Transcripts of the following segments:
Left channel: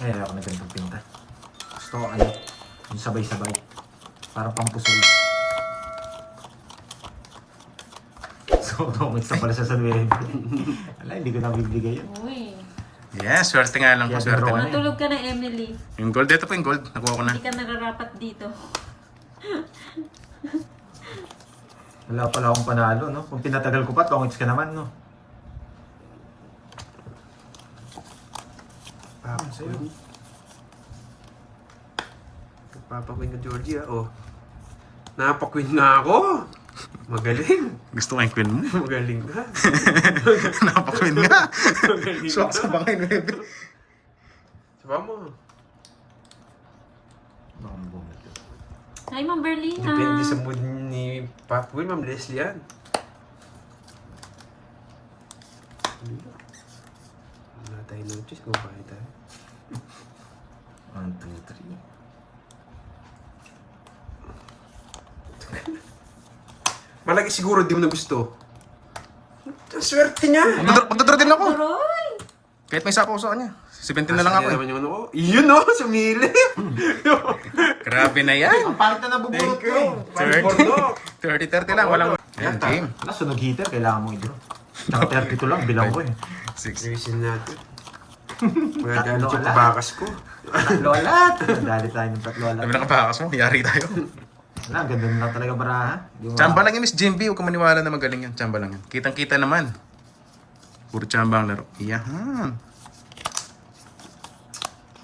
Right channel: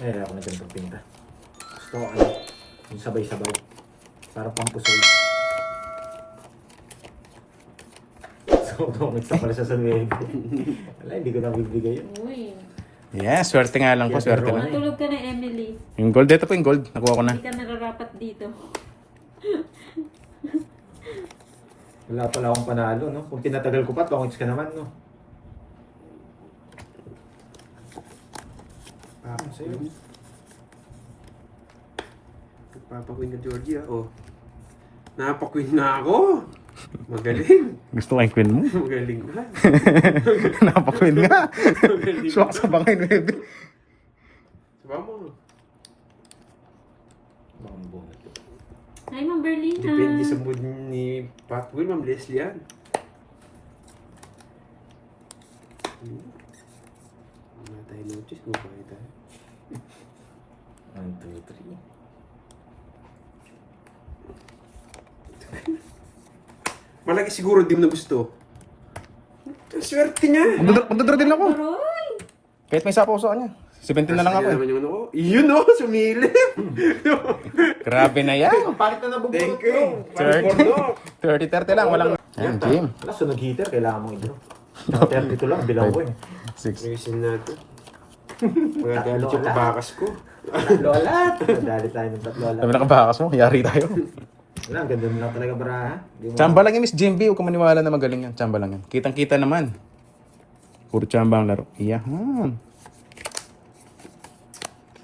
Ngayon ako na ganitong pinta. Gusto ko ano, yung sabay-sabay. Para pampusoy. So, tumit sa pala sa 9. Wala, hindi ko na bibigay yun. Uy. Yeah, swerte nga lang po, swerte na. Matulog ka na, Emily. Yung gold, ito po yung gold. Nakuha ko na. Hindi ka nararapat dito. Wala pala akong panalo, no? Kung pinatagal ko pa, tongits ka naman, no? Sa'yo. Nagpapakwin na Georgia, oh. Napakwin na ako. Magaling. Gusto ko yung queen mo. Magaling na. Napakwin nga. Magaling Swak sa na. bangay, baby. Diba mo? Baka mabunod. Hi, Ma'am Berlina. Depende sa mood ni Pop Will, Ma'am Leslie yan. Wala tayo notice kung bakit tayo. 1, 2, 3. Malaki siguro di mo na gusto. Ang swerte niya. Magdodro din ako. Roy! Kahit may sapo ko sa kanya. 17 na lang ako eh. Naman yung ano ko. Yun o, sumilip. Grabe na yan. Ang pangit na nabubunot Thank you. ko. 30 lang. Walang... Ayan, game. Wala, sunog heater, kailangan mo i-draw. 30 lang, bilang ko eh. 6. Ayusin natin. Wala galit yung tabakas ko. Lola! Nadali tayo ng tatlo. Sabi na kabakas mo, yari tayo. Wala, ang ganda na lang talaga baraha. Chamba lang yan, Miss Jimby. Huwag ka maniwala na magaling yan. Chamba lang yan. Kitang-kita naman. Puro chamba ang laro. Yahan.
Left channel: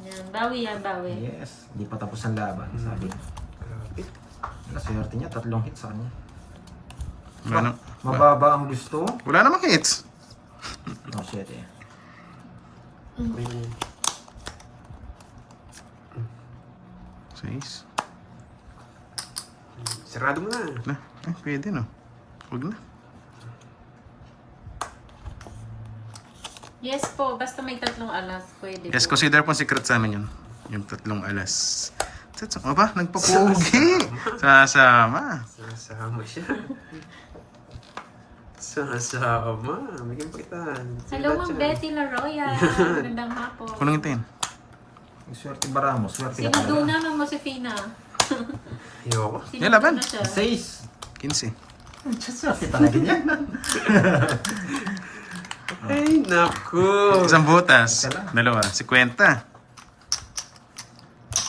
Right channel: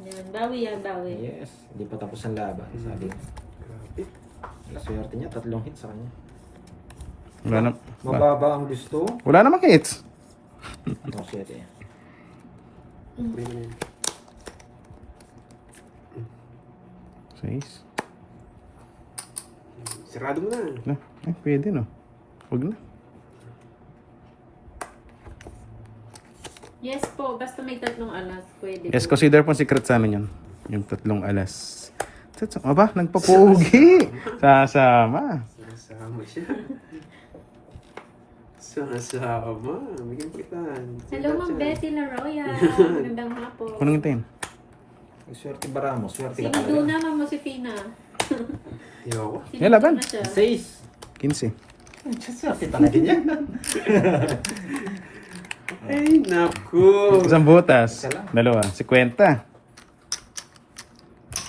Yan, bawi yan, bawi. Yes, hindi pa tapos ang laban, sabi. Wala, swerte niya, 3 hits sa kanya. Wala na. Mababa ang gusto. Wala namang hits. No, 7 eh. Ayun. 6. Sarado mo na. Na. Pwede no. Huwag na. Yes po, basta may 3 alas, pwede Yes, po. consider po secret sa amin yun. Yung 3 alas. Ano ba? Nagpapugi. Sasama. Sasama siya. Sasama. Bigyan pa kita. Hello, Ma'am Betty Laroya. Magandang hapon. Kunong hintayin. Yung swerte bara mo, swerte ka Sinudo talaga. na, Ma'am Josefina. Ayoko. Yan, laban. 6. 15. Swerte talaga niya. Ay, naku. Isang butas. Isa lang. Dalawa. 50.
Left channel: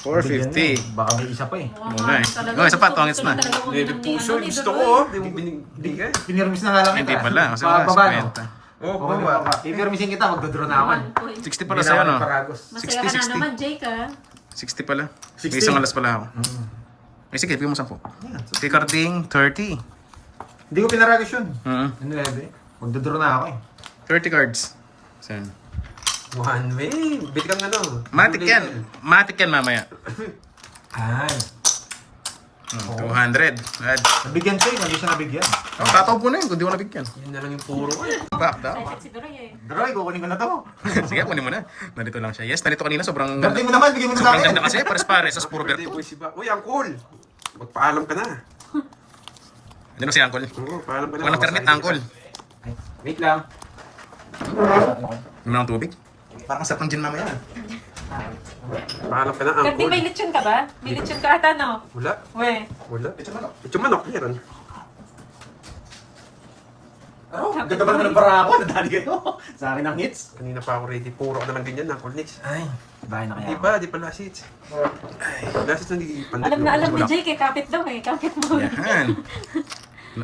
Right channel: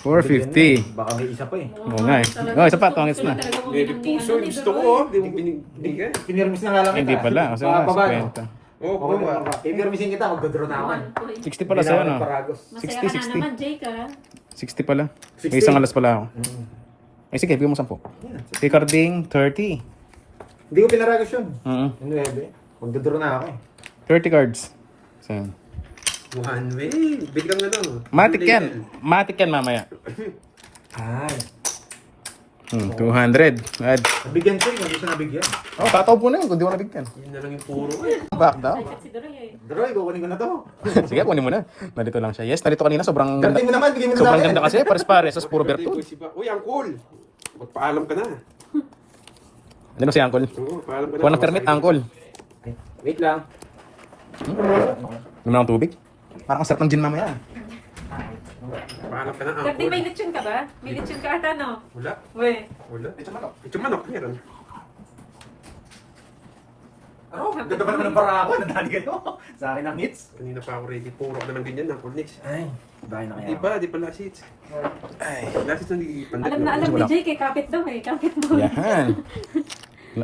450. Baka may isa pa eh. Oo nga eh. Oh, isa pa, tongits na. Baby puso. Gusto ko, oh. Di mo binigay. Pinirmis na nga lang kita. Hindi pala. Kasi nga, Baba, no? 50. Oh, Baba, baba. baba. Ipirmisin kita, magdodraw na naman. 60 pala sa'yo, no? Masaya 60, ka na naman, Jake, ha? 60 pala. 60. May isang alas pala ako. Mm. Ay, sige, bigyan mo 10. Ricarding, 30. Hindi ko pinaragos yun. Mm. Ano eh, magdodraw na ako eh. 30 cards. Saan? One way. Bili kang ano. Matik yan. Matik yan mamaya. Ay. 200. Add. Nabigyan ko eh, hindi siya nabigyan. Oh, tataw po na yun kung di ko nabigyan. Yun na lang yung puro. Back down. Excited si Doroy, eh. Droy, kukunin ko na to. Sige, kunin mo na. Nandito lang siya. Yes, nandito kanina. Sobrang ganda. Ganti mo naman, bigyan mo na sa Sobrang akin. ganda kasi. Pares-pares. Sa puro Birthday berto. boy si Ba. Uy, Uncle. Magpaalam ka na. Ano si Uncle? Oo, paalam ka na. Walang permit, Uncle. Wait lang. Gano'n ang tubig? Parang sarap ng gin mamaya. Paalam ka na, Kardi, may Uncle. lechon ka ba? May lechon ka ata, no? Wala. We. Wala. Ito manok. Meron. Oh, ganda pa naman ng bara ako. Nadali ka to. Sa akin ang hits. Kanina pa ako ready. Puro ka naman ganyan, Uncle Nix. Ay, bahay na kaya Di ako. ba? Di pa last hits. Last hits na di pandit. Alam na alam ni Jake, eh. Kapit daw, eh. Kapit mo. Yahan.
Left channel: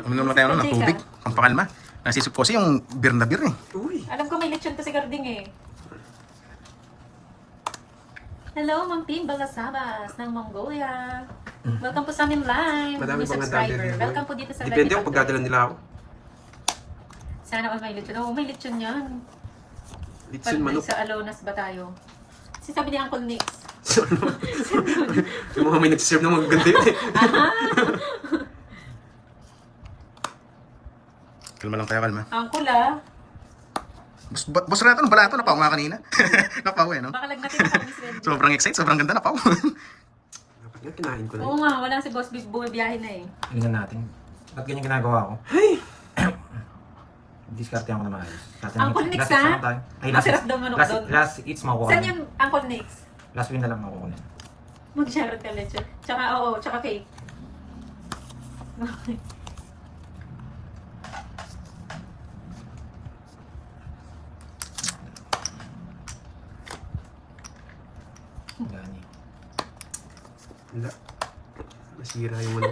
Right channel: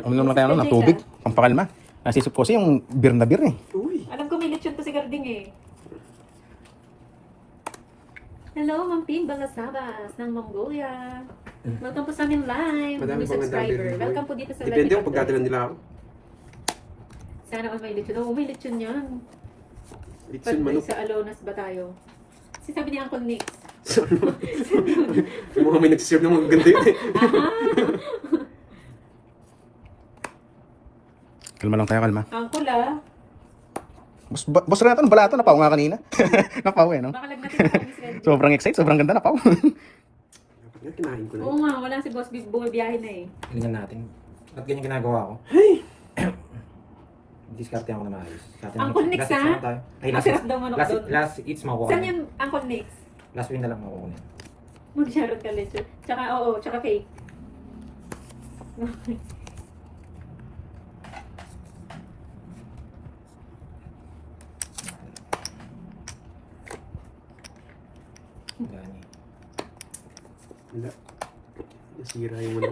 Uminom na tayo ng tubig. Pampakalma. Nasisip ko kasi yung beer na beer eh. Uy. Alam ko may lechon to si Garding, eh. Hello, Ma'am Pim Balasabas ng Mongolia. Welcome po sa amin live. Madami New pang subscriber. nandali. Welcome po dito sa Depende live. kung pagdadala nila ako. Sana all may lechon. Oh, may lechon yan. Litson Pag manok. sa Alonas ba tayo? Si sabi ni Uncle Nix. Yung mga may nagsiserve ng mga ganda yun eh. Kalma lang tayo, kalma. Uncle, ah. Boss Renato, balato, napaw nga kanina. Napaw eh, no? Baka lagnatin ko kami sa Sobrang excited, sobrang ganda, napaw. Dapat nga kinain ko na. Oo nga, wala si Boss Big bumibiyahe na, eh. Tingnan natin. Ba't ganyan ginagawa ko? Diskarte ako na maayos. Uncle Nix, ha? Ay, last Masarap daw manok last, doon. last hits makuha. Saan yung Uncle Nix? Last win na lang makukunin. Mag-share ka lechon. Tsaka, oo, tsaka cake. Gani. Wala. Nasira yung ano.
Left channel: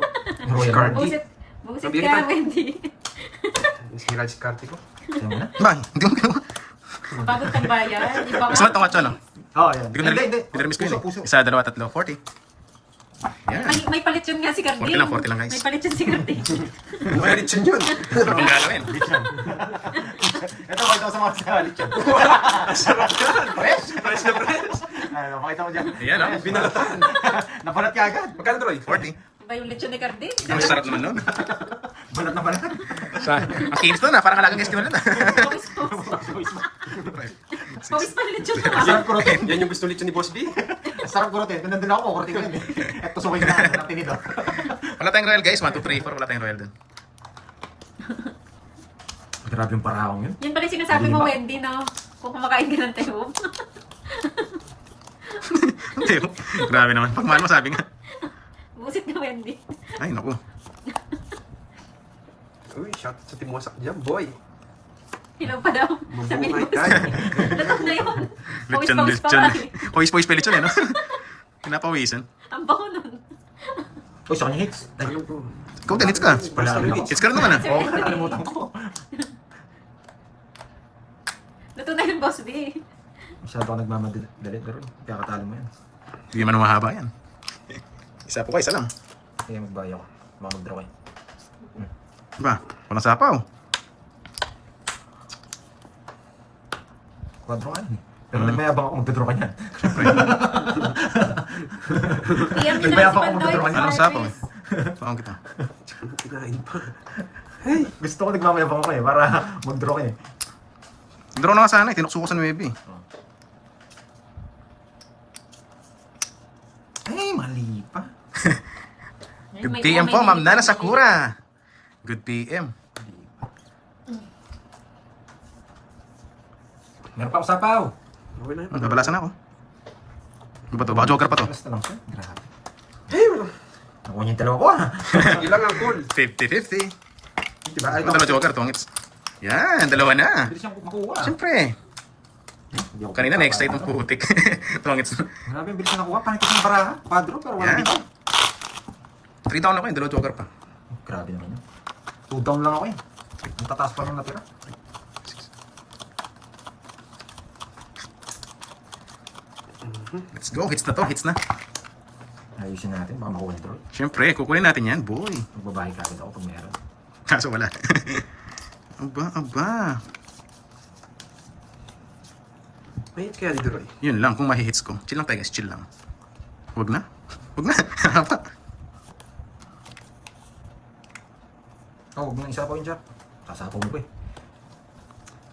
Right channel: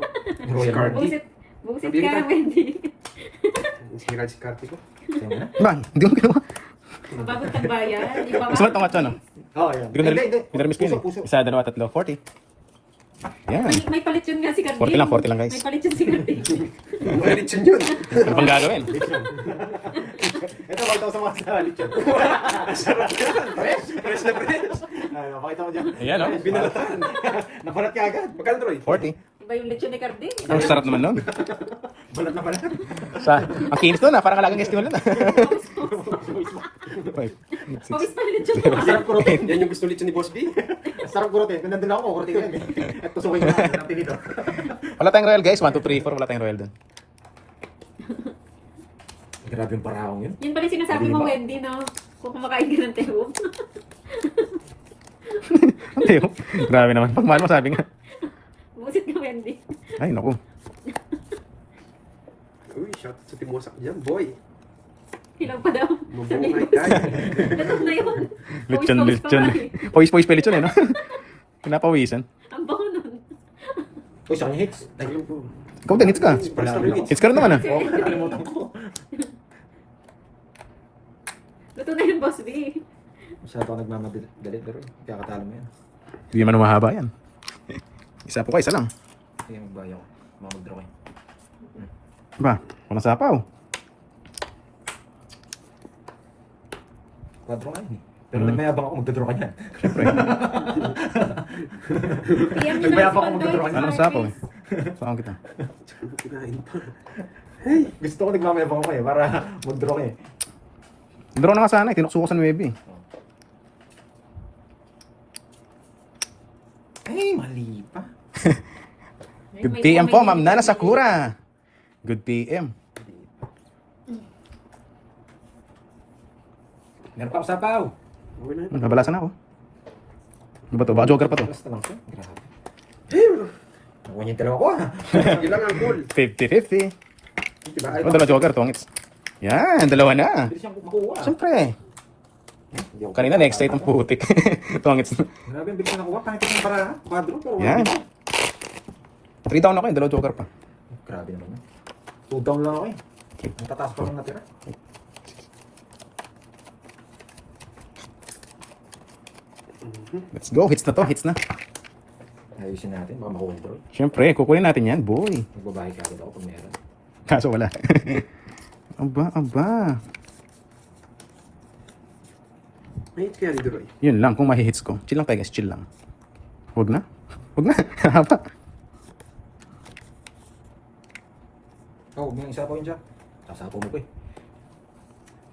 Royal Si Cardi. Busit. Busit Mabili ka, pa. Wendy. Nasira si Cardi ko. Ano na? Ba, hindi mo ginawa. Bago kang bayan. Di ba Gusto mo itong no? Oo, yan. Hindi ko na-miss ko yun Puso, eh. Isa, dalawa, tatlo, 40. Yan. May palit yun nga si Cardi. 40 lang guys. May palit yun si Cardi. Ano kaya lechon yun? Ano pang gagawin? Lechon. Ito, pakita ko sa mga sa lechon. Fresh na fresh. Ano, pakita mo dyan. Ayan o. Binalatan. Napalat ka agad. Magkano Troy? 40. Iba yung lechon ni Cardi. Ang sarap naman nun. Balat na balat. Ang kinis nun parang kalagang festival nun Pawis pa yung lechon. Sarap kurutin. Yan yung gusto lechon ni Boss B. Sarap kurutin. Kung nandun ako, kurutin ko yun. At tusukin na natin ito. Wala tayong royal guys, 1, 2, 3, 4, wala tayong royal dun. Grabe yung parahong yun. Yun pala yung sinasabi mo, Wendy, no? Kung kumakain ka ng tehom. Grabe naman, pag mahal mo sabi nga. Busit ka, Wendy. Ay naku. Uy, shout sa Timosak dyan, boy. Hilaw pa daw. Sabi ni Mabuhay Boss. ka. Natok na yun. Lechon, Pawis-pawis pa lechon. nga eh. Pawis pa lechon eh no? Pinapawisan. Ang bango nun. Uy, sa kanya hits. Ay, Ano po? Ikaw din, hits ka. Wala. Hits ka rin naman ah. Oo, nakalimutan ko. Luto na yung Boss B. Masyado ako nagmamadali. Pero kaya katalo mo yan. Hindi man mahaba yan. Isa po ka, isa lang. Kaya magbayo ko. Mag-draw kayo. Ba, walang sapaw. Quadro ka yun eh. Pero nagmayabang ako magdadraw ka niyan. Siyempre. Iyan Nagbayad nila si pa ako Pandoy. magdodrawing. Anong sapaw eh? Paong kita. Kinain pa. Gusto ko nagmamayabang ako eh. Para mag-draw ka eh. Draw na nga sana eh, tinukso ko sa 9 eh. Eh, mali pa. Good PM po, Ma'am Nana Sakura. Good PM. Meron pa ako sapaw. Okay na yun. Nabalasan ako. Ano ba to? Baka joker pa to. Basta lang siya. Grabe. Hey, Nakuha niya yung dalawa ko ah. sige lang ang cool. 50-50. Diba? Ano dalawa joker, tongits. Yan, dalawa na. Pwede siyang makuha. Siyempre. Kanina next side ng putik. Tongits. Grabe yung bilis na nakuha. Pangit ng baraha. Quadro pero wala Yan. dito. 3 down ako eh, dalawa joker pa. Grabe naman yun. 2 down lang ako eh. Natataas pa rin natira. Let's go, hits na to, hits na. Ayusin natin. Baka makuha draw. Siyempre, kukunin natin yan, boy. Magbabahay ka agad ako pag meron. Kaso wala. aba. May hits kaya ni Troy. Yun lang, kung mahihits ko. Chill lang tayo guys, chill lang. Huwag na. Huwag na. Haba. Oh, huwag mo yung isapaw yun dyan. Sasapaw mo pa eh.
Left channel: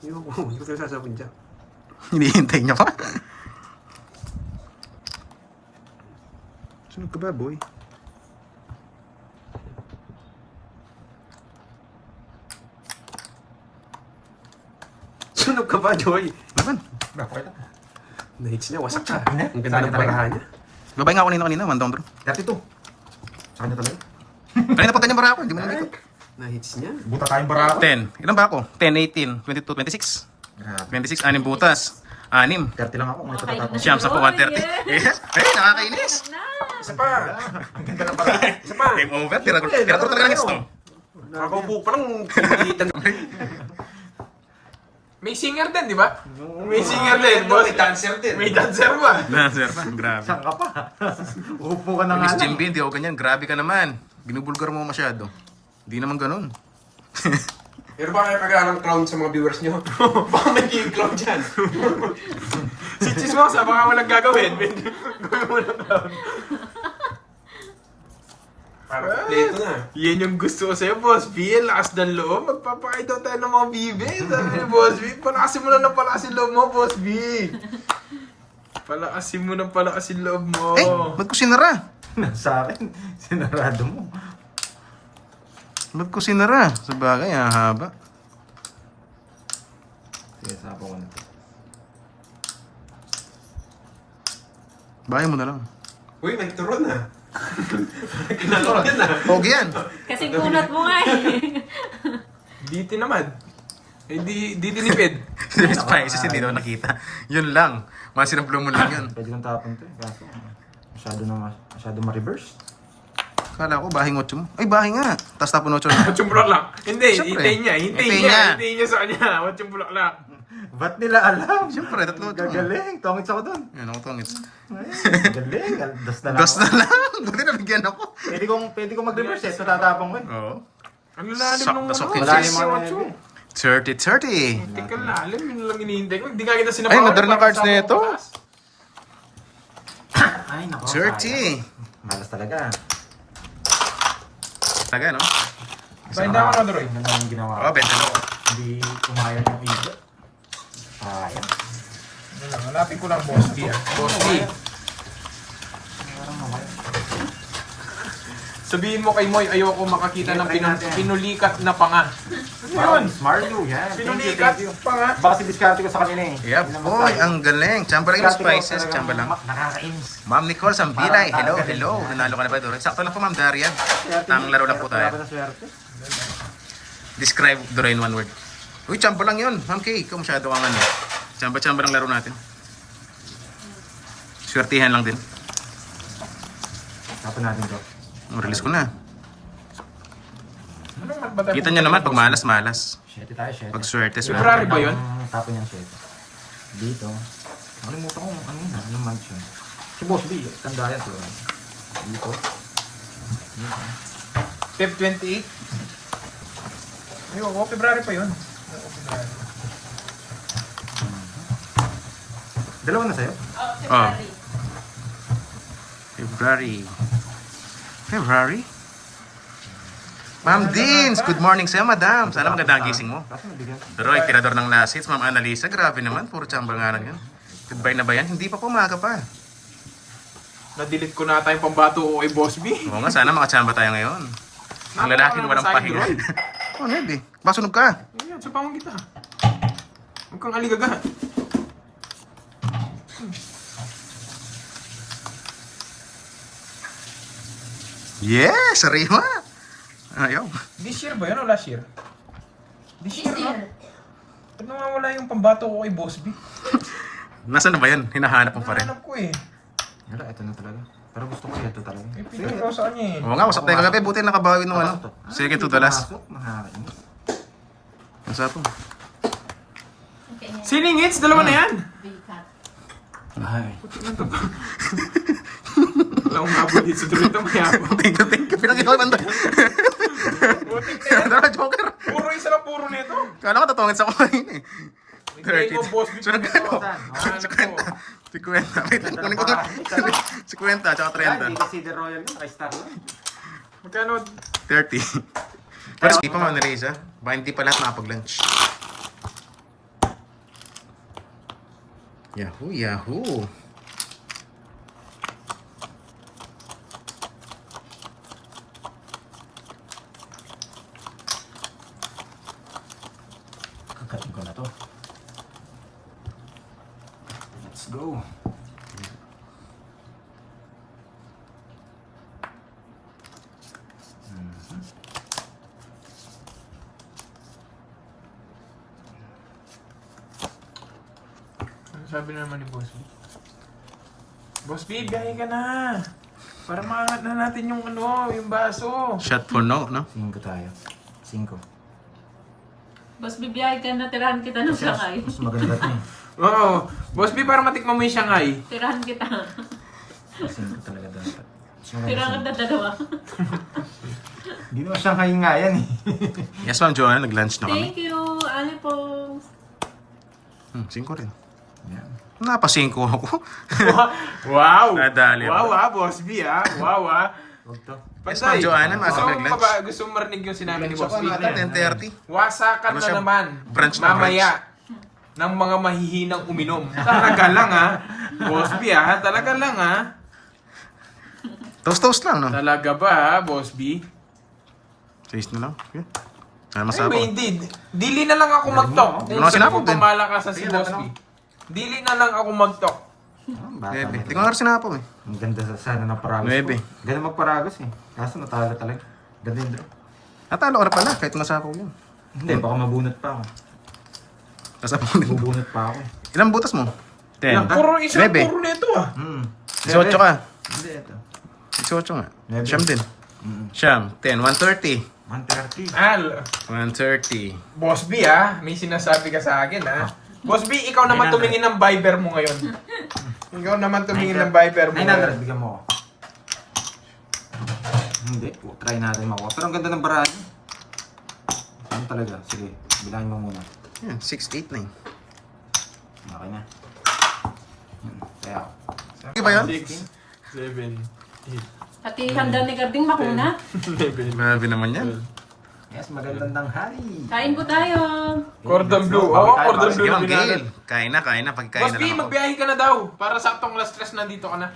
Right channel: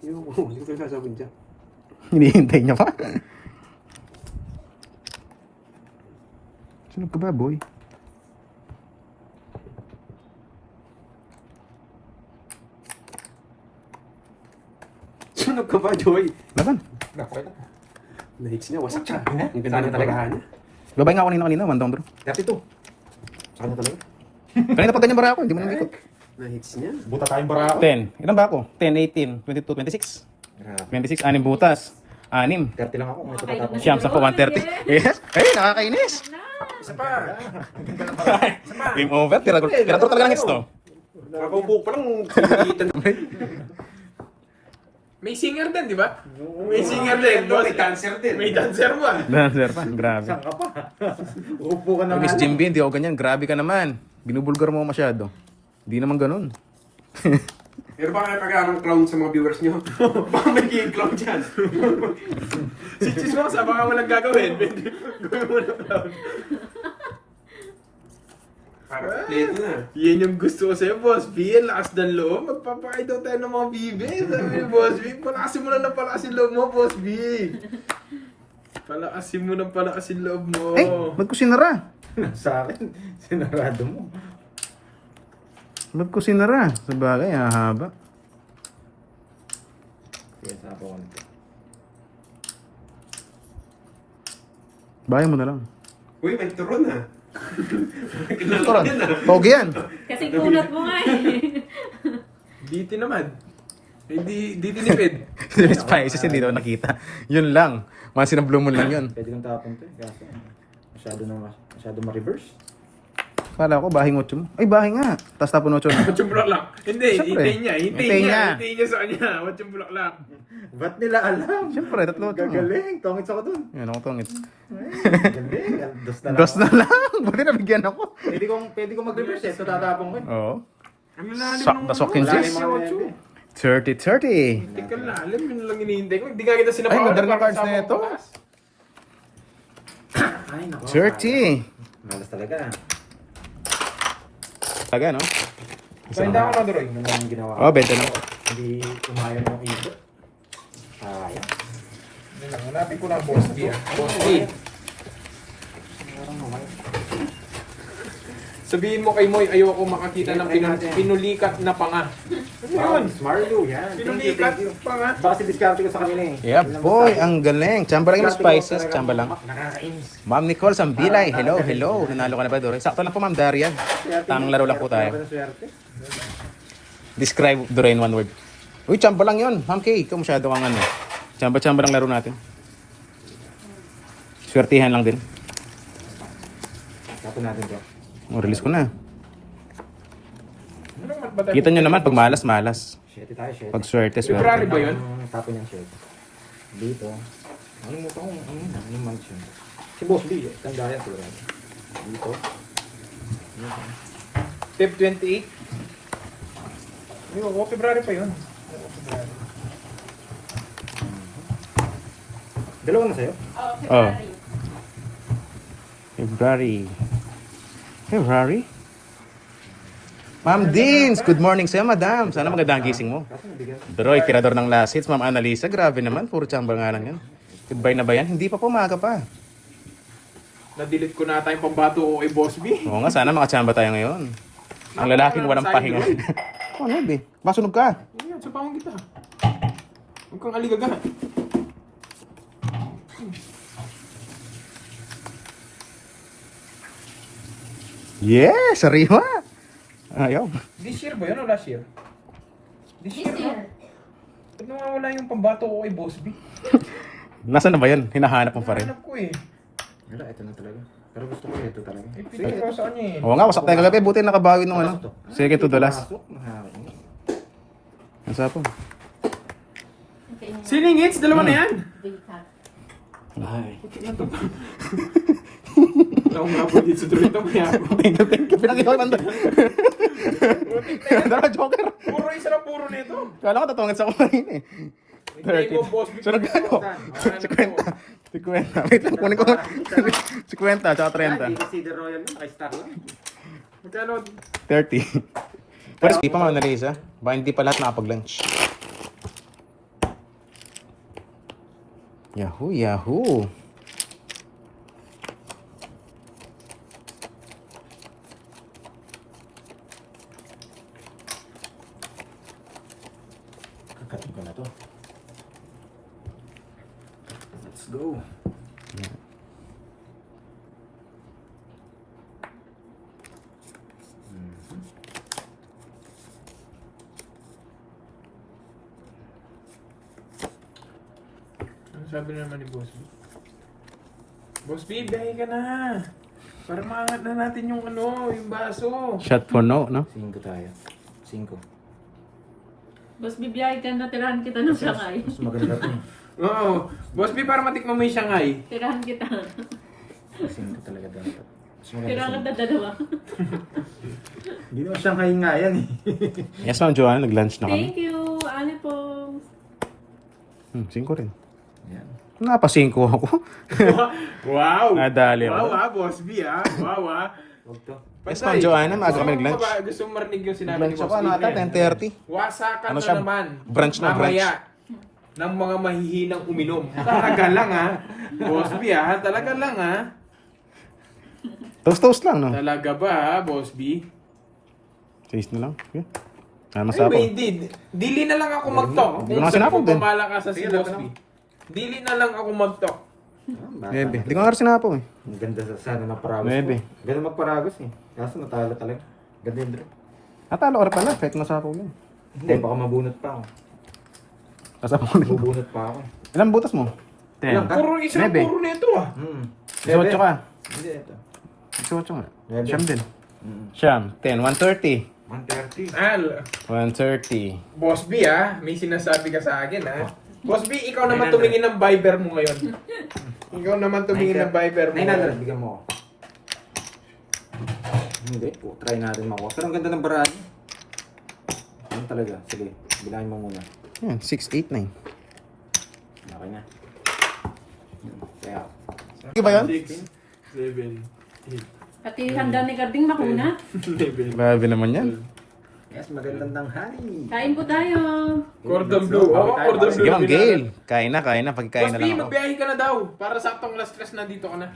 Hindi ko sasabon dyan. Hinihintay niya pa. Sunod ka ba, boy? Sunog ka ba, Joy? Laban. Bakit? Na-hits niya, wasak ka. Hindi. Ang ganda ng barahan niya. Babay nga ako kanina, 1 down bro. Dati to. Sa kanya talaga. Kanina pa ganyan bara ako, hindi mo nandito. Na-hits niya. Buta tayong baraha. 10. Ilan ba ako? 10, 18, 22, 26. Grabe. 26, 6 butas. 6. 30 lang ako. May tatatapos. Siyam sa po, 130. Yes. Ay, nakakainis. Isa pa. Isa pa. Game over. Tira talaga ng hits to. Nakaupo pa lang. Kinikitan. May singer din, di ba? May singer din, boss. May dancer din. May dancer ba? Dancer pa. Grabe. Saan ka pa? Upo ka na Miss nga lang. Jimby, hindi ako ganyan. Grabe ka naman. Binubulgar mo masyado. Hindi naman ganun. Pero baka kaya kagaya ng clown sa mga viewers niyo. Baka may game clown dyan. Si Chismosa, baka walang gagawin. Gawin mo na clown. Parang pleto na. Yan yung gusto ko sa'yo, Boss B. Lakas ng loob. Magpapakita tayo ng mga bibi. Sabi ni Boss B, palakasin mo na ng palakasin loob mo, Boss B. Palakasin mo ng palakasin loob mo. Eh, ba't ko sinara? Sa akin, sinarado mo. Ba't ko sinara? Sa bagay, haba. Sige, sapaw ka na. Bahay mo na lang. Uy, may turon ah. Kinalok yan ah. Huwag yan. Kasi kunat mo nga eh. Diti naman. Eh, di tinipid. Spices, hindi daw nakita. Yun lang. Once in a blue moon lang yun. Pwede nang tapon to. Kaso, masyado ma-reverse. Kala ko, bahing 8 mo. Ay, bahay nga. Tapos tapon 8 na. Watsong bulaklak. Hindi, Siyempre. hintayin niya. Hintayin niya. Hintayin niya sa kanya. Watsong bulaklak. Ba't nila alam? Siyempre, 3 8 mo. Gagaling. Tongits ako dun. Yan ako tongits. Ay, galing. Dos na lang. Dos na lang. Buti nabigyan ako. Pwede kong mag-reverse eh. So tatapon ko eh. Oo. Ang lalim Sak nung na soking Malalim kiss. ang Watsong. 30-30. Tika lalim. Yun lang inihintay ko. Hindi ka kita sinapakan. Ay, ganda rin ang cards na ito. Ay, nako. 30. Malas talaga. Taga, no? Parinda ko na, Duroy. Ano yung ginawa? Oo, benta na. Hindi umayag yung iba. Sayang. Hanapin ko ng Boss B. Boss B. Sabihin mo kay Moy, ayoko makakita ng pinulikat na panga. Wow, Miss Mario, yan. Thank you, Pinulikat thank you. panga. Baka si diskarte ko sa kanila eh. Yeah, boy. Ang galing. Tsamba lang yung spices. Tsamba lang. Nakakainis. Ma'am Nicole Sambilay. Hello, hello. Nanalo ka na ba, Dore? Sakto lang po, Ma'am Daria. Tamang laro lang po tayo. Describe Dore in one word. Uy, tsamba lang yun. Ma'am Kay, ikaw masyado kang ano. Tsamba lang laro natin. Swertihan lang din. Tapon natin bro. Release ko na. Ano naman ba tayo? Kita nyo naman, pag malas, malas. Shete tayo, shete. Pag swerte, February swerte. ba yun? Tapon yung shete. Dito. Ano mo ito kung ano yun? Ano yung mansion? Si Boss B, tanda yan ko. Dito. Feb 28? Ayoko, February pa yun. Dalawa na sa'yo? Oh. February? Ma'am Deans, good morning sa'yo, madam. Sana magandang gising mo. Kaso nabigyan. Droy, tirador ng last hits. Ma'am Annalisa, grabe naman. Puro tsamba nga lang yan. Goodbye na ba yan? Hindi pa po, maaga pa. Na-delete ko na tayong pambato ko kay Boss B. Oo nga, sana makatsamba tayo ngayon. Ang lalaking walang pahinga. Oh, Ned eh. Masunog ka. Ayan, sa pangong kita. Huwag kang aligaga. Yes, sariwa. Ayaw. This year ba yun o last year? This year. Ba't nawawala yung pambato ko kay Boss B? Nasaan na ba yan? Hinahanap mo pa rin. Hanap ko eh. Wala, ito na talaga. Pero gusto ko ito talaga. May picture ko sa kanya eh. Oo nga, wasak tayo kagabi. Buti nakabawi nung ano. Second to the last. Pasok, nakakainis. Ang sapo. Okay na yan. Siningits, dalawa na yan. Bikat. Ay. Wala akong mabot dito sa Dorito kaya ako. Thank you. Pinakita ko yung banda. Dara, Joker. Puro isa na puro nito. Kala ko tatungin sa kumain eh. Hindi ko, Boss B. 30. So nagkano? 50. 50. Wait lang, kunin ko. 50, tsaka 30. Hindi kasi the royal yun. Ay, stock yun. Magkano? 30. Pero hindi pa mga Annalisa. Baka hindi pa lahat nakapag-lunch. Yahoo, Yahoo. Kapatid ko na to. Let's go. Ano sabi naman ni Boss B? Boss B, biyahe ka na. Para maangat na natin yung ano, yung baso. Shot for no, no? 5 tayo. 5. Bas bibiyahe ka na, tirahan kita ng Shanghai. Mas maganda ito eh. Oo. Boss B, para matikman mo yung Shanghai. Tirahan kita. 5 talaga dapat. Tirahan ka na dalawa. Hindi naman Shanghai nga yan eh. Yes, Ma'am Joanna, nag-lunch na kami. Thank you, Ali po. 5 rin. Yan. Napa 5 ako. Wow! Nadali ako. Wow Boss B Wow Huwag to. Yes, Ma'am Joanna, maaga kami nag-lunch. Gusto mo marinig yung sinabi ni Lunch Boss ako, B? nata, 10:30. Wasakan Ano na siya? naman. Brunch na, Mamaya ng mga mahihinang uminom. Talaga lang ha. Boss B talaga lang ha. Toast lang, no? Talaga ba ha, Boss B? Taste na lang. Okay. Ano Ay, masapo? hindi. Dili na lang ako mag-talk. Hindi ko na sinapog din. Malakasan si Boss B. Dili na lang ako mag-talk. Bata. 9. Hindi ko nga rin sinapaw eh. Ang ganda sana ng paragos. 9. Ganda magparagos eh. Kaso natalo talaga. Ganda yung draw. Natalo ka na pala kahit masapaw yun. Hindi, baka mabunot pa ako. Nasapaw din. Mabunot pa ako. Ilang butas mo? 10. Puro isa, Nebe. puro nito ah. 18 ka. Hindi, ito. 18 nga. Nebe. Siyam din. Mm. Siyam. 10. 130. 130. 130. Boss B may sinasabi ka sa akin Boss B, ikaw naman tumingin ng Viber mo ngayon. Ikaw naman tumingin ng Viber mo. 900, bigyan mo ako. Hindi po, try natin makuha. Pero ang ganda ng barado. Ano talaga? Sige, bilangin mo muna. Yan, 6, 8, 9. Okay na. Kaya, Okay ba yun? 6, 7, Pati handa ni Garding makuna. 8, 9. Grabe naman yan. yes, magandang tanghali. Kain po tayo. Cordon bleu. Oo, cordon bleu. Sige ma'am, Gail. Kain na. Pagkain Boss na B, lang ako. magbiyahe ka na daw. Para saktong last stress na dito ka na.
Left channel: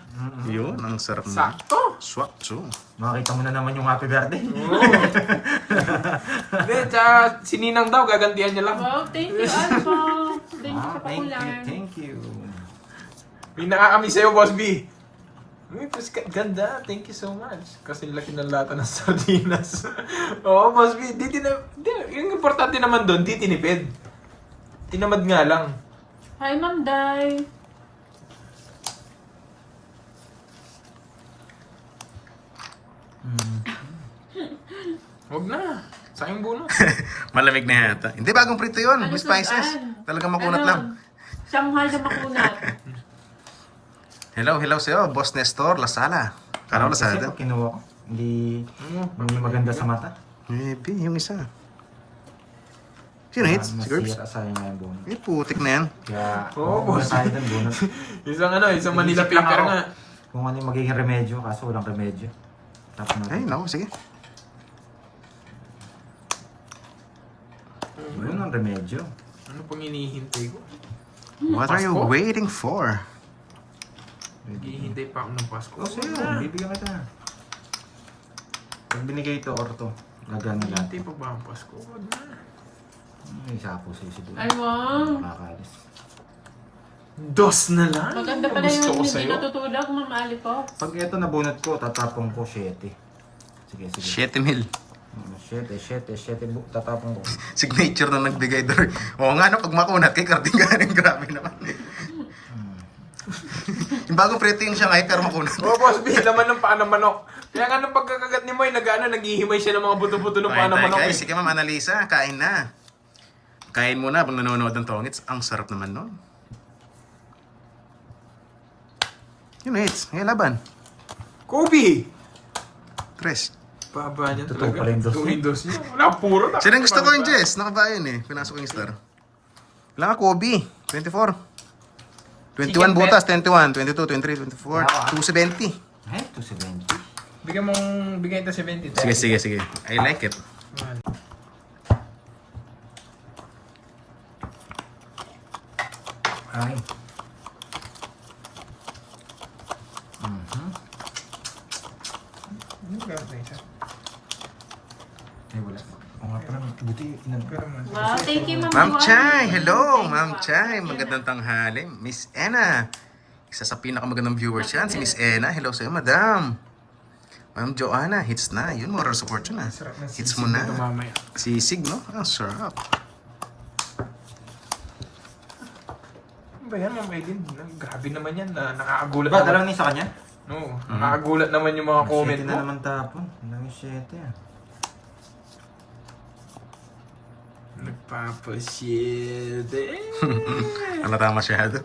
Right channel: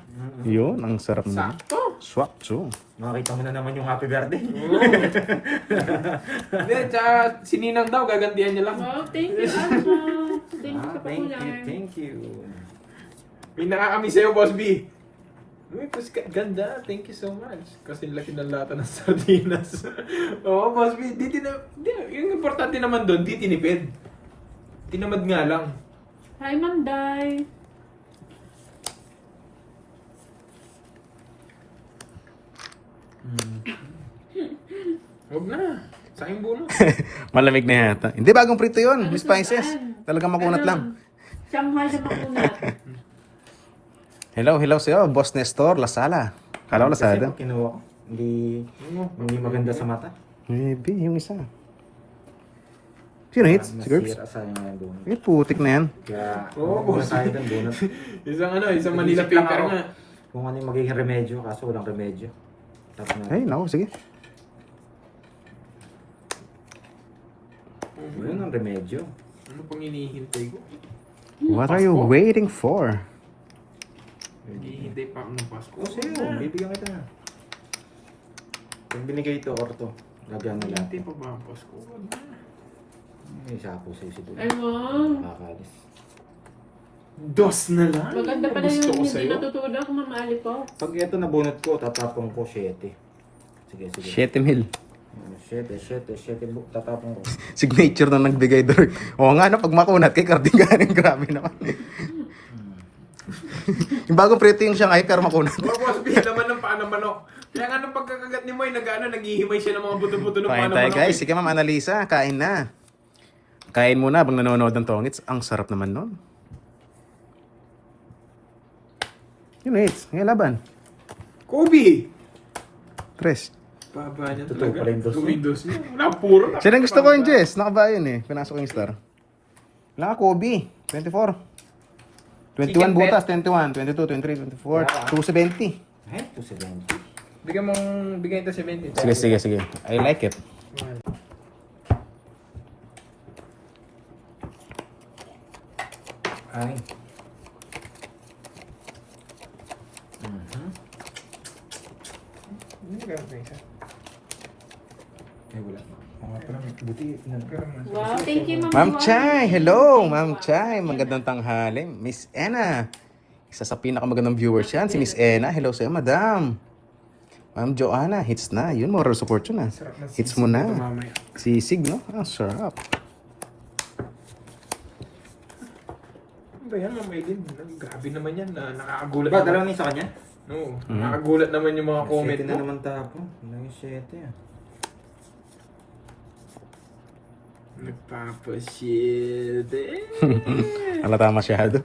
Yun, ang sarap na. Sakto. Swap, so. Makakita mo na naman yung Happy Garden. Hindi, tsaka si Ninang daw, gagantihan niya lang. Wow, thank you, Alpha. Thank you sa Thank you, pakulan. thank you. May nakakami sa'yo, Boss B. Uy, ganda. Thank you so much. Kasi laki ng lata ng sardinas. Oo, Boss B. Yung importante naman doon, di tinipid. Tinamad nga lang. Hi, Ma'am Day. Huwag na. Sayang bunot. Malamig na yata. Hindi, bagong prito yun. Ano May spices. saan? Talagang makunat Ano? lang. Shanghai na makunat. Hello sa'yo. Boss Nestor, Lasala. Kala ko Lasada. Kasi kinuha ko. Hindi maganda sa mata. Maybe, yung isa. Sino hits? Si Curbs? Masira sayang nga yung bunot. May putik na yan. Kaya, Oo, boss. Tayo dun bunot. Isang Manila Inisip lang paper ako nga. Kung ano yung magiging remedyo, kaso walang remedyo. Tapos na. Ay, naku, sige. Yun ang remedyo. Ano pang hinihintay ko? What are you waiting for? Naghihintay pa ako ng Pasko. O sa'yo, bibigyan kita. Pag binigay ito or to, gagana lahat. Naghihintay pa ba ang Pasko? Huwag na. May sapo sa'yo siguro. Ay, wow. Nakakalis. Dos na lang? Maganda pala Gusto yung ko hindi sa'yo. natutulog, Ma'am Ali po. Pag ito nabunot ko, tatapong ko 7. Sige. 7 mil. 7, tatapong ko. Signature na nagbigay doon. Oo nga, no, pag makunat kay Carding galing, grabe naman. Yung bagong prito yung Shanghai, pero makunat. Oh, Boss B, laman ng paano manok. Kaya nga nung pagkakagat ni Moy, naghihimay siya ng mga buto-buto ng Kain paano tayo manok. guys. Sige ma'am, Annalisa, kain na. Kain muna habang nanonood ng Tongits. Ang sarap naman nun. Yun, hits. Ngayon laban. Kobe! Tres. Baba niya Totoo talaga. pala yung dos niya. Tumidos niya. Wala, puro na. Sino yung gusto ko yung Jess? Nakabayan eh. Pinasok ko yung star. Kailangan ka, Kobe. 24. 21 butas, 21, 22, 23, 24, 270. Eh, 270. Bigyan ito 70. Sige. I like it. Ay. Ay, wala. O nga pala, buti Wow, thank you, Ma'am Ma'am Ali. Chay, hello, Ma'am Chay. Magandang tanghali. Miss Ena. Isa sa pinakamagandang viewers yan, si Miss Ena. Hello sa'yo, madam. Ma'am Joanna, hits na. Yun, moral support yun ah. Hits mo na. Sisig, no? Ang sarap. Ano ba yan, Ma'am Aiden? Grabe naman yan. Nakakagulat Ba, naman. dalawa ni sa kanya? No, nakakagulat naman yung mga comment 7 na mo. naman tapon. Ang 7 ah. Nagpapashit eh. Halata masyado.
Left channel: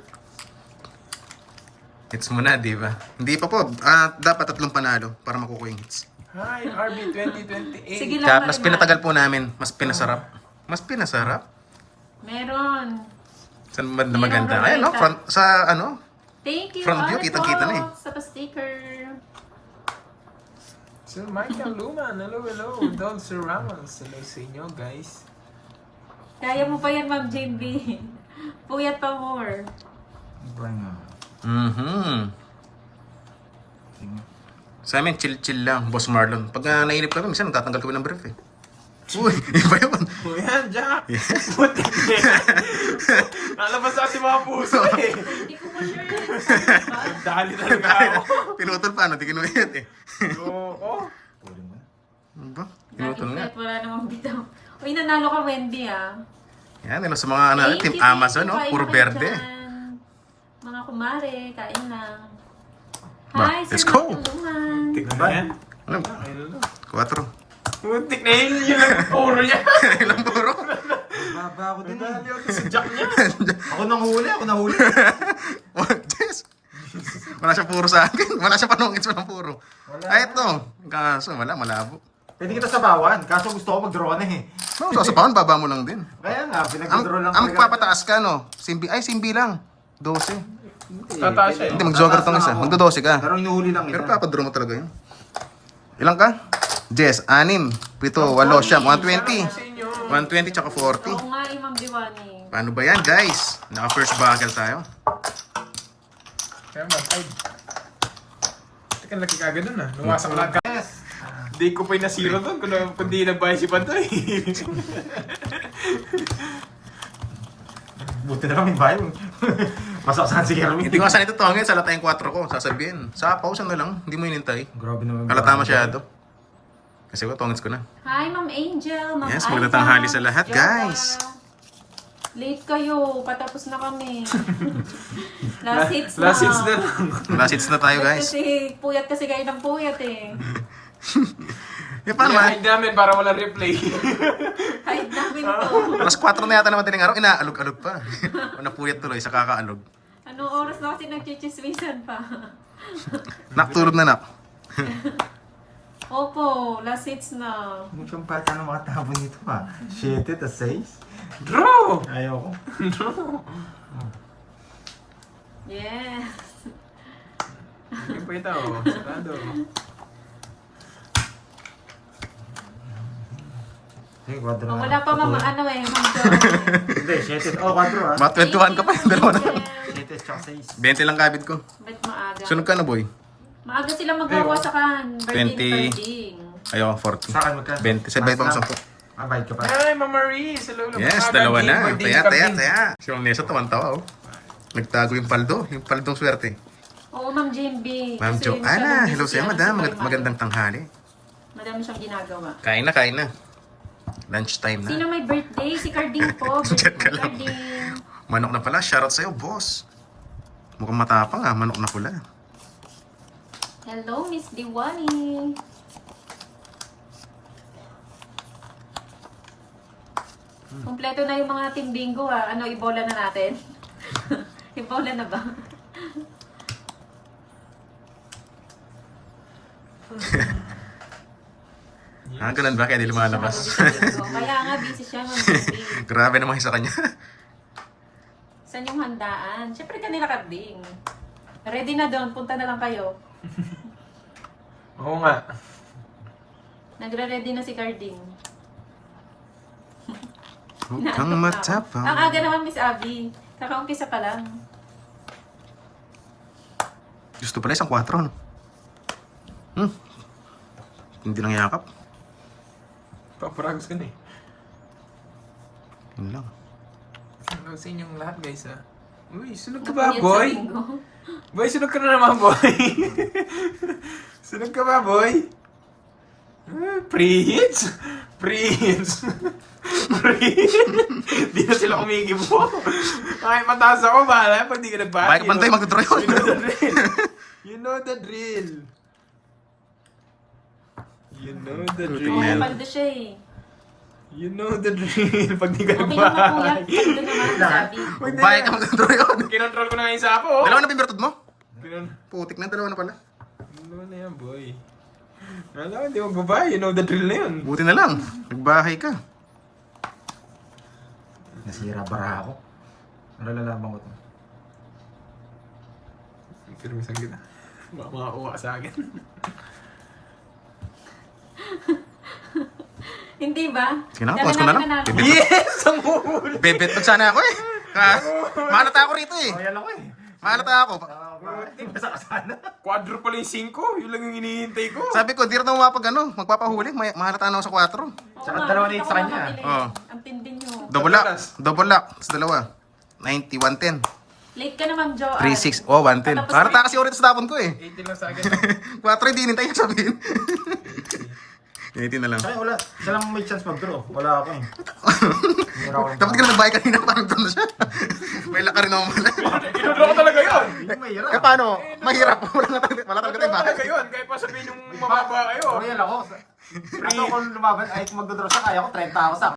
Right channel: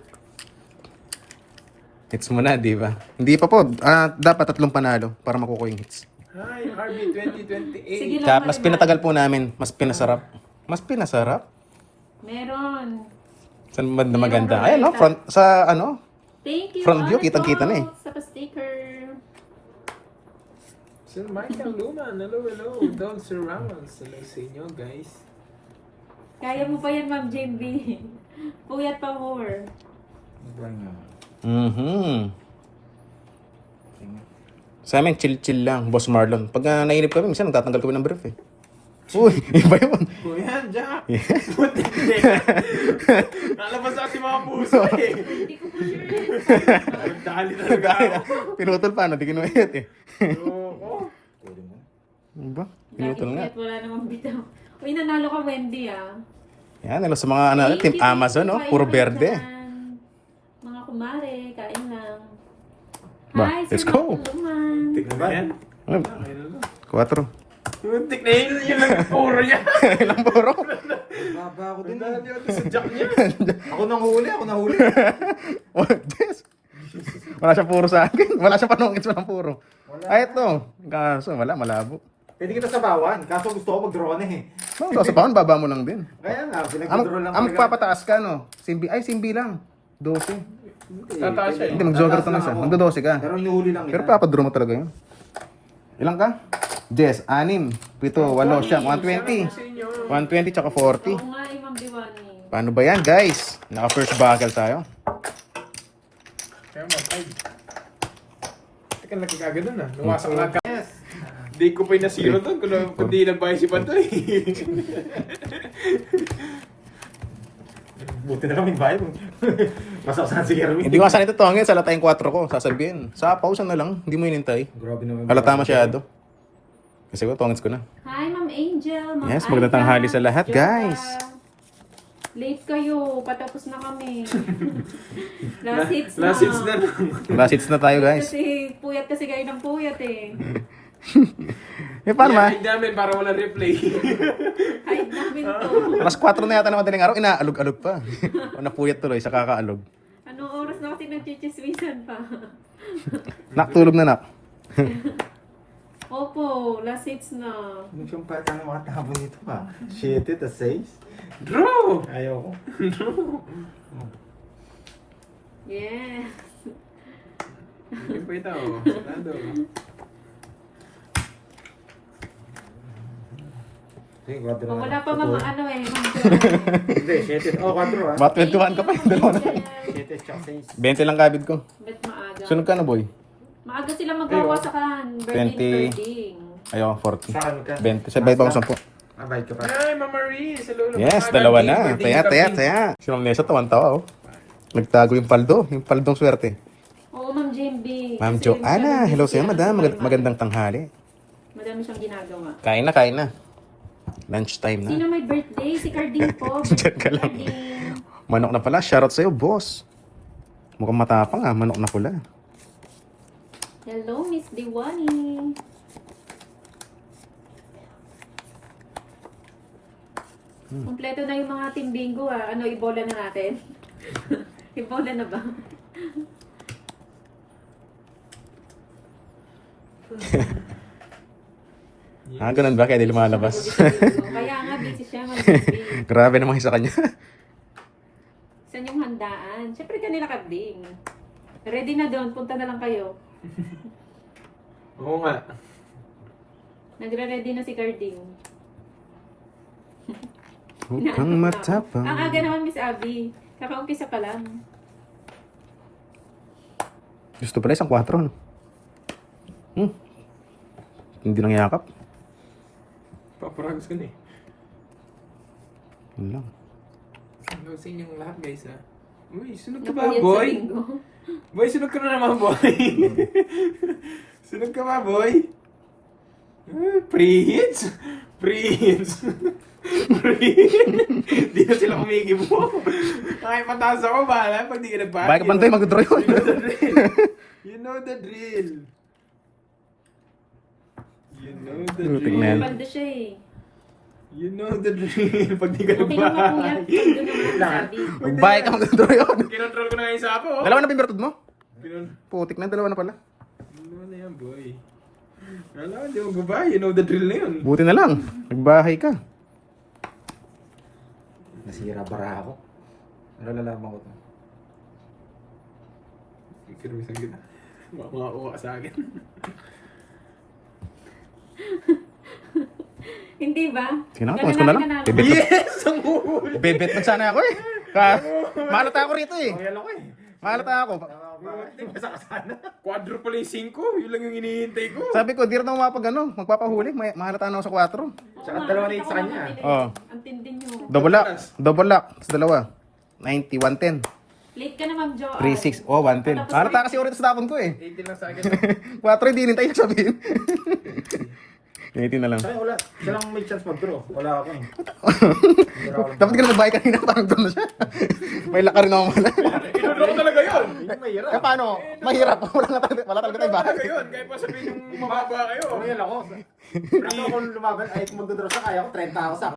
Hits mo na, di ba? Hindi pa po. Dapat 3 panalo para makukuha yung hits. Hi, RB 2028. Sige lang, Kaya mas Marimar. pinatagal po namin. Mas pinasarap. Mas pinasarap? Meron. Saan ba na maganda? Ayan, no? Front, sa ano? Thank you, Front view, Ali kitang-kita po, na eh. Sa pa-sticker. Sir Michael Luman, hello. Don Sir Ramos, hello sa inyo guys. Kaya mo pa yan, Ma'am JB. Puyat pa more. Iba nga. Sa amin, chill-chill lang. Boss Marlon. Pag nainip kami, minsan nagtatanggal kami ng brief eh. Uy, iba yun. O yan, Jack. Putik na yan. Lalabas ako si mga puso eh. Hindi ko pa sure yan. Dali talaga ako. Pinutol pa, no? Di kinuwit eh. Oo. Ano ba? Pinutol nga. Nakikita, wala namang bitaw. Uy, nanalo ka, Wendy, ah. Yan, sa mga ano, Team Amazon, no? Puro berde. Mga kumare, kain lang. Ba, Hi, let's Sir go. Tulungan. Putik na yan. Ano? 4. Putik na yun. Yun ang puro niya. Ilang puro? Baba ako din Dali eh. ako si Jack niya. Ako nahuli. Oh, Jess. Wala siya puro sa akin. Wala siya panungits, walang puro. Ay, ito. Kaso, wala, malabo. Pwede kita sabawan. Kaso gusto ko mag-draw na eh. No, sa sapawan, baba mo lang din. Kaya nga, Ang pinag-draw lang magpapataas ka, no? Simbi lang. 12. Tataas siya. Hindi, mag-jogger tong isa. Magdo-12 ka. Pero inuhuli lang Pero ito. papadraw mo talaga yun. Ilang ka? Jess, 6, 7, 8, siyam, 120. 120 tsaka 40. Oo nga, Ma'am Diwani. Paano ba yan, guys? Naka-first buckle tayo. Kaya matay. Teka, laki kagad dun ah. Lumasok lang ka. Yes. Di ko pa yung nasiro dun kung di nagbayad si Pantoy. Buti na kami bahay. Masaksan si Kerwin. Hindi ko asan ito tongin, sa latayang 4 ko, sasabihin. Sa pausa na lang, hindi mo inintay. Grabe naman. Halata masyado. Kasi ko, tongits ko na. Hi, Ma'am Angel. Ma'am Yes, magandang tanghali sa lahat, Jota. guys. Late kayo. Patapos na kami. Last hits na. Last hits na lang. Last hits na tayo, guys. Kasi puyat kasi kayo ng puyat eh. Eh, paano ma? Hide namin para walang replay. Kahit namin to. Alas 4 na yata naman din araw, inaalog-alog pa. O napuyat tuloy sa kakaalog. Anong oras na kasi nagchichismisan pa? Naktulog na nak. Opo, last hits na. Mukhang pata ng mga tabo nito ha. 7 tas 6. Draw! Ayoko. Yes. Hindi pa ito. Sarado. Okay, 4 Oh, na. wala pa mama ano eh. Hindi, 7. Oh, 4 ha. Mga 21 ka pa, yung dalawa na lang. 7 tsaka 6. 20 lang kabid ko. Bet maaga. Sunod ka na, boy. Maaga sila magawa sa kan. 20. Ayaw, 40. Sa akin magka. 20. Sabay pa ako 10. Ah, bayad ka pa. Hi, Mama Marie! Sa lolo. Yes, dalawa na. Taya. Si Ma'am Nessa, tawan-tawa, oh. Nagtago yung paldo. Yung paldong swerte. Oo, Ma'am JMB. Ma'am Kasi Joanna, masyadong hello busy sa'yo, siya madam. kasi may Magandang tanghali. Madami siyang ginagawa. Kain na. Lunch time na. Sino may birthday? Si Carding po. Diyan ka lang. Carding. Manok na pala. Shoutout sa'yo, boss. Mukhang matapang ah. Manok na pula. Hello, Miss Diwani. Kompleto na yung mga team bingo ah. Ano, ibola na natin? Ibola na ba? Ah, ganun ba? Kaya di lumalabas. Kaya nga, busy siya mag-bingo. Grabe naman sa kanya. Saan yung handaan? Siyempre kanila Carding. Ready na doon. Punta na lang kayo. Oo nga. Nagre-ready na si Carding. Huwag kang matapang. Ang aga naman, Miss Abby. Nakaumpisa pa lang. Gusto pala isang 4, no? Hindi lang yakap. Paparags ka na eh. Yun lang. Hello sa inyong lahat guys ah. Uy, sunog ka ba Napuyat sa boy? bingo. Boy, sunog ka na naman boy. Sunog ka ba boy? Prince? Prince? Di na sila kumikibo. Kahit mataas ako, bahala pag di ka nagbayad. Baka pantay, magdodraw yun. You know the drill. You know the Lutik drill. na yan. Paldo siya eh. You know the drill. Pag di ka Okay naman po yan. nagbayad. Paldo naman, sabi. Baka ka magdodraw yun. Kinontrol ko na nga yung sapo. Oh. Dalawa na pimertod mo? Kinon- Putik na, dalawa na pala. Ano na yan, boy? Wala, hindi mo babae. You know the drill na yun. Buti na lang. Nagbahay ka. Nasira bara ako. Ano lalaman ko to? Pero isang kita. Mga uwa sa akin. Hindi ba? Sige na, tungas ko na lang. Bebet, Yes! Ang huli! bebet lang sana ako eh. Mahalata ako rito eh. Ayan ako eh. Mahalata ako. Basta ka sana. Quadruple yung 5, yun lang yung hinihintay ko. Sabi ko, di rin ako magpapahuli. Mahalata na ako sa 4. Oo Tsaka nga, dalawa hindi na sa ka kanya. makabili. Oo. Ang tindi nyo. Double lock. Sa dalawa. 90, 110. Late ka na, Ma'am Jo. 3.6. Oh, 110. Mahalata kasi ulit sa tapon ko eh. 18 lang sa akin. 4 hindi nintay sabihin. 18 na lang. Saka wala. Siya lang may chance mag-draw. Wala ako eh. Dapat ka na nagbayad kanina, parang doon na siya. May laka rin ako mahala. Ano talaga yun? Yung mahirap. Eh paano? Mahirap. Wala talaga tayong bahay. Talaga yun, kahit pa sabihin yung mababa kayo. Royal ako. Kaso kung lumaban, ay kung magdodraw siya, kaya ko 30 ako sa